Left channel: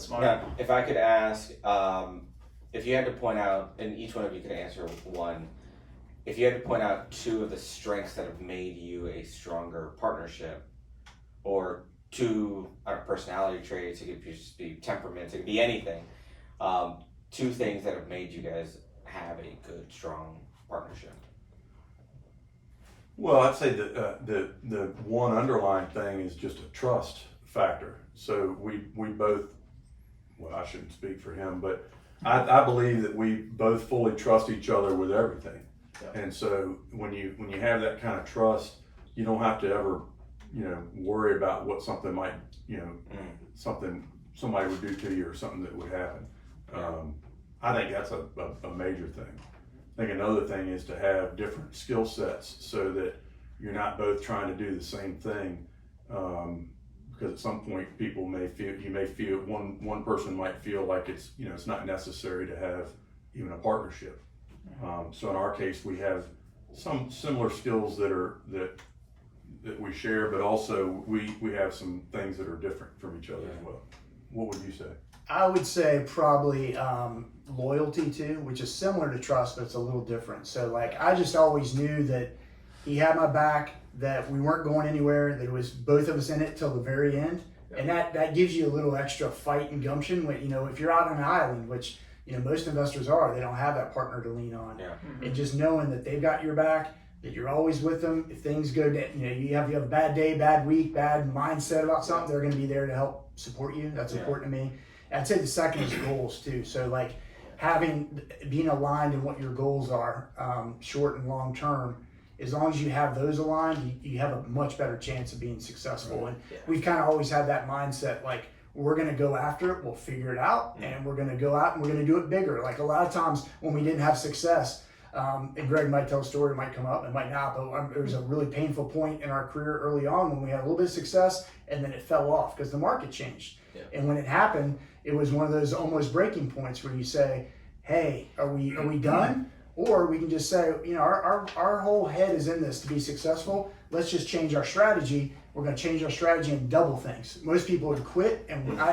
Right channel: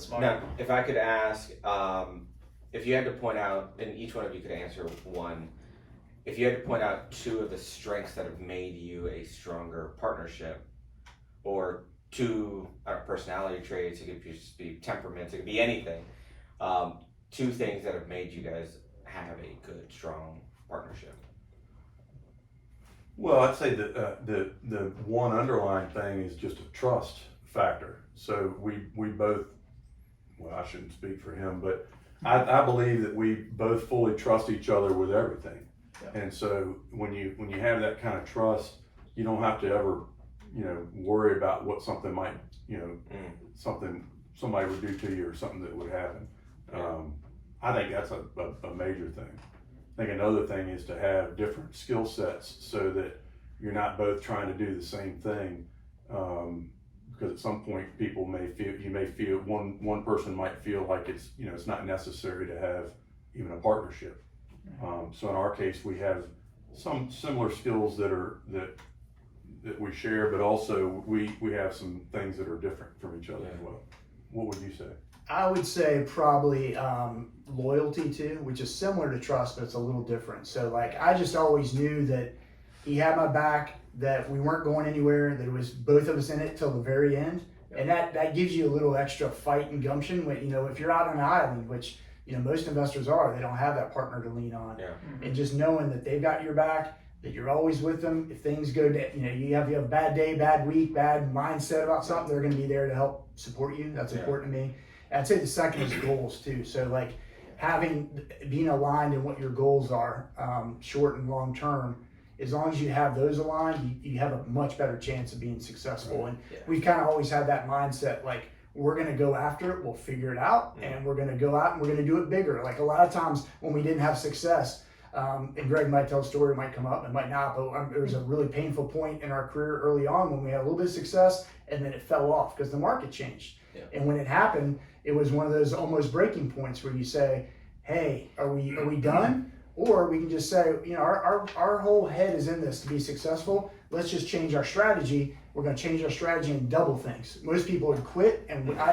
Smart. Now, if I could ask, if you had to point out, and each one of you could answer one, if you had to point out two of the strengths that have made you a stronger partnership, or two personality traits, it could just be temperaments, it could be anything, two things that have made you guys have a good, strong partnership. Well, I'd say that the one underlying thing is just a trust factor. So we both, well, I shouldn't speak for him, but I believe that we both fully trust each other with everything. Yep. And so when you have that kind of trust, you don't have to ever, worry about what something might, something somebody would do to you or something that would happen. I think that's a major thing. I think another thing is to have different skill sets so that you're not both trying to do the same thing. Because at some point you may feel one person might feel like it's not necessary to have even a partnership. So in our case, we have some similar skills that we share, but also we have some things that are different from each other as well. What would you say? I would say probably loyalty too, which is similar to trust, but it's a little different. So like, I just always knew that he had my back, that we weren't going anywhere, that it was both of us in it till the very end. And that gives you a little extra fight and gumption when, if you're out on an island, which, most investors are, they don't have that partner to lean on. Yeah. And just knowing that they've got your back, that you're always with them. If things go down, you have a bad day, bad week, bad mindset about something, they're going to be there to help support you. That's important to me. I'd say the second is goals too. So like being aligned in what your goals are, short and long term. As long as you have those aligned, you have a much better chance of being successful. And we've kind of always had that mindset, like we're going to go after it, we'll figure it out, and we're going to go out and we're going to do it bigger. Like a lot of times when we didn't have success, and Greg might tell a story, it might come up, it might not, but there was a really painful point in our career early on when we had a little bit of success and then it fell off because the market changed. Yeah. And when it happened, it was one of those almost breaking points where you say, hey, are we done? Or we can just say, our whole head is in this to be successful. Let's just change our strategy. We're going to change our strategy and double things. Most people would quit, and my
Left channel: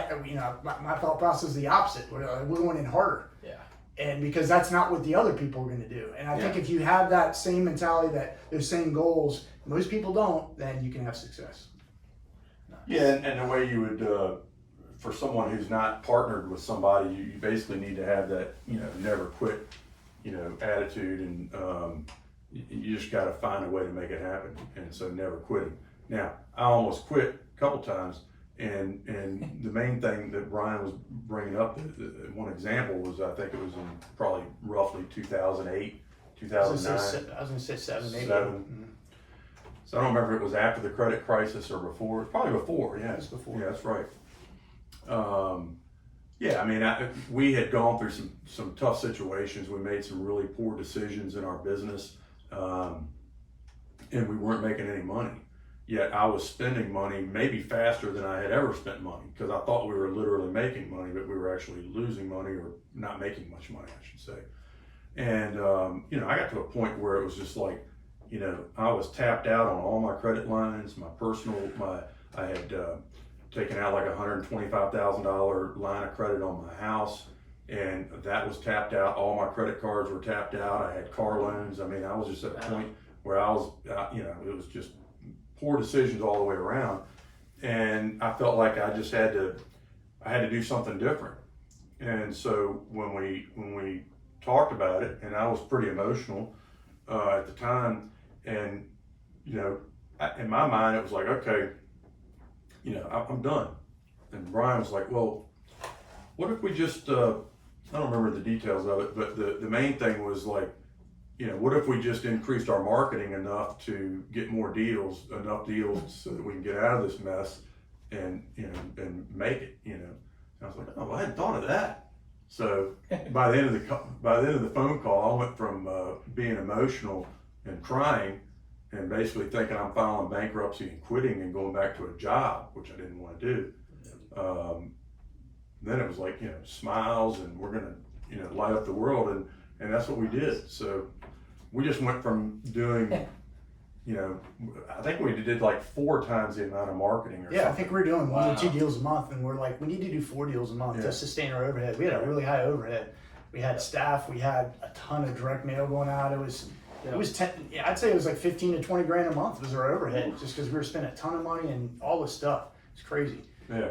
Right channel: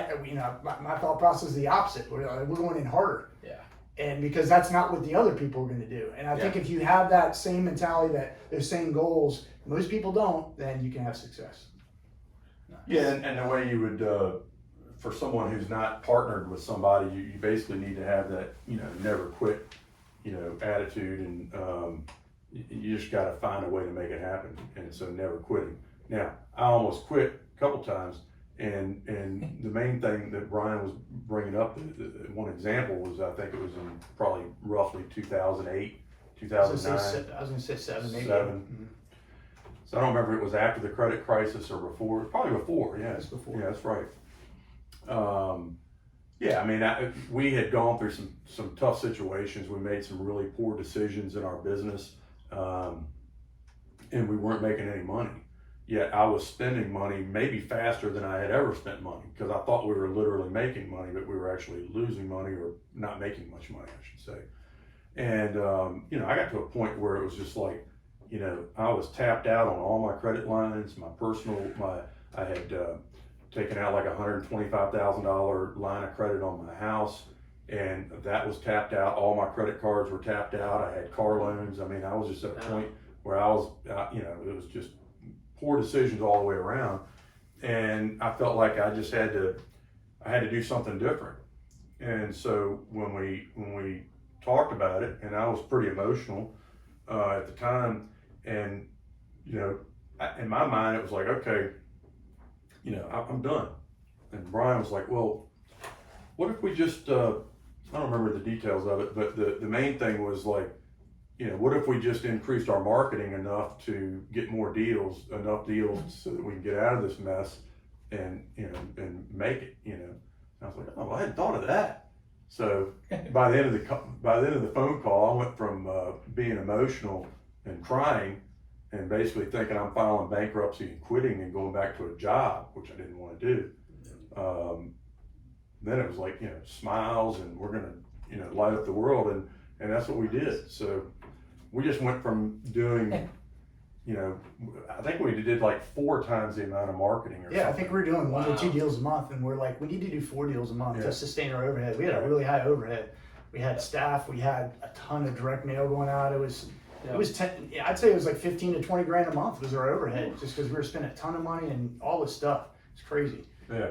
thought process is the opposite. We're going in harder. Yeah. And because that's not what the other people are going to do. And I think if you have that same mentality, those same goals, most people don't, then you can have success. Yeah, and the way you would, for someone who's not partnered with somebody, you basically need to have that, never quit, attitude, and you just got to find a way to make it happen. And so never quitting. Now, I almost quit a couple times, and the main thing that Brian was bringing up, one example was, I think it was in probably roughly 2008, 2009. I was going to say 7, maybe. 7. Mm-hmm. So I don't remember if it was after the credit crisis or before. Probably before. Yeah, It was before. Yeah, that's right. We had gone through some tough situations. We made some really poor decisions in our business, and we weren't making any money. Yet I was spending money maybe faster than I had ever spent money, because I thought we were literally making money, but we were actually losing money or not making much money, I should say. And I got to a point where it was just like, I was tapped out on all my credit lines, I had taken out like $125,000 line of credit on my house, and that was tapped out. All my credit cards were tapped out. I had car loans. I was just at a point where I was, it was just poor decisions all the way around. And I felt like I just had to do something different. And so when we talked about it, and I was pretty emotional at the time, and in my mind it was like, okay, I'm done. And Brian was like, well, what if we just, I don't remember the details of it, but the main thing was like, what if we just increased our marketing enough to get more deals, enough deals so that we can get out of this mess and make it, And I was like, oh, I hadn't thought of that. So by the end of the phone call, I went from being emotional and crying and basically thinking I'm filing bankruptcy and quitting and going back to a job, which I didn't want to do. Then it was like, smiles, and we're going to, light up the world. And that's what we did. So we just went from doing, you know, I think we did like 4 times the amount of marketing or Yeah, I something. think we're doing 1 or 2 Wow. deals a month, and we're like, we need to do 4 deals a month Yeah. to sustain our overhead. We had a really high overhead. We had staff, we had a ton of direct mail going out. It was 10, yeah, I'd say it was like 15 to 20 grand a month was our overhead, just because we were spending a ton of money and all this stuff. It's crazy. Yeah.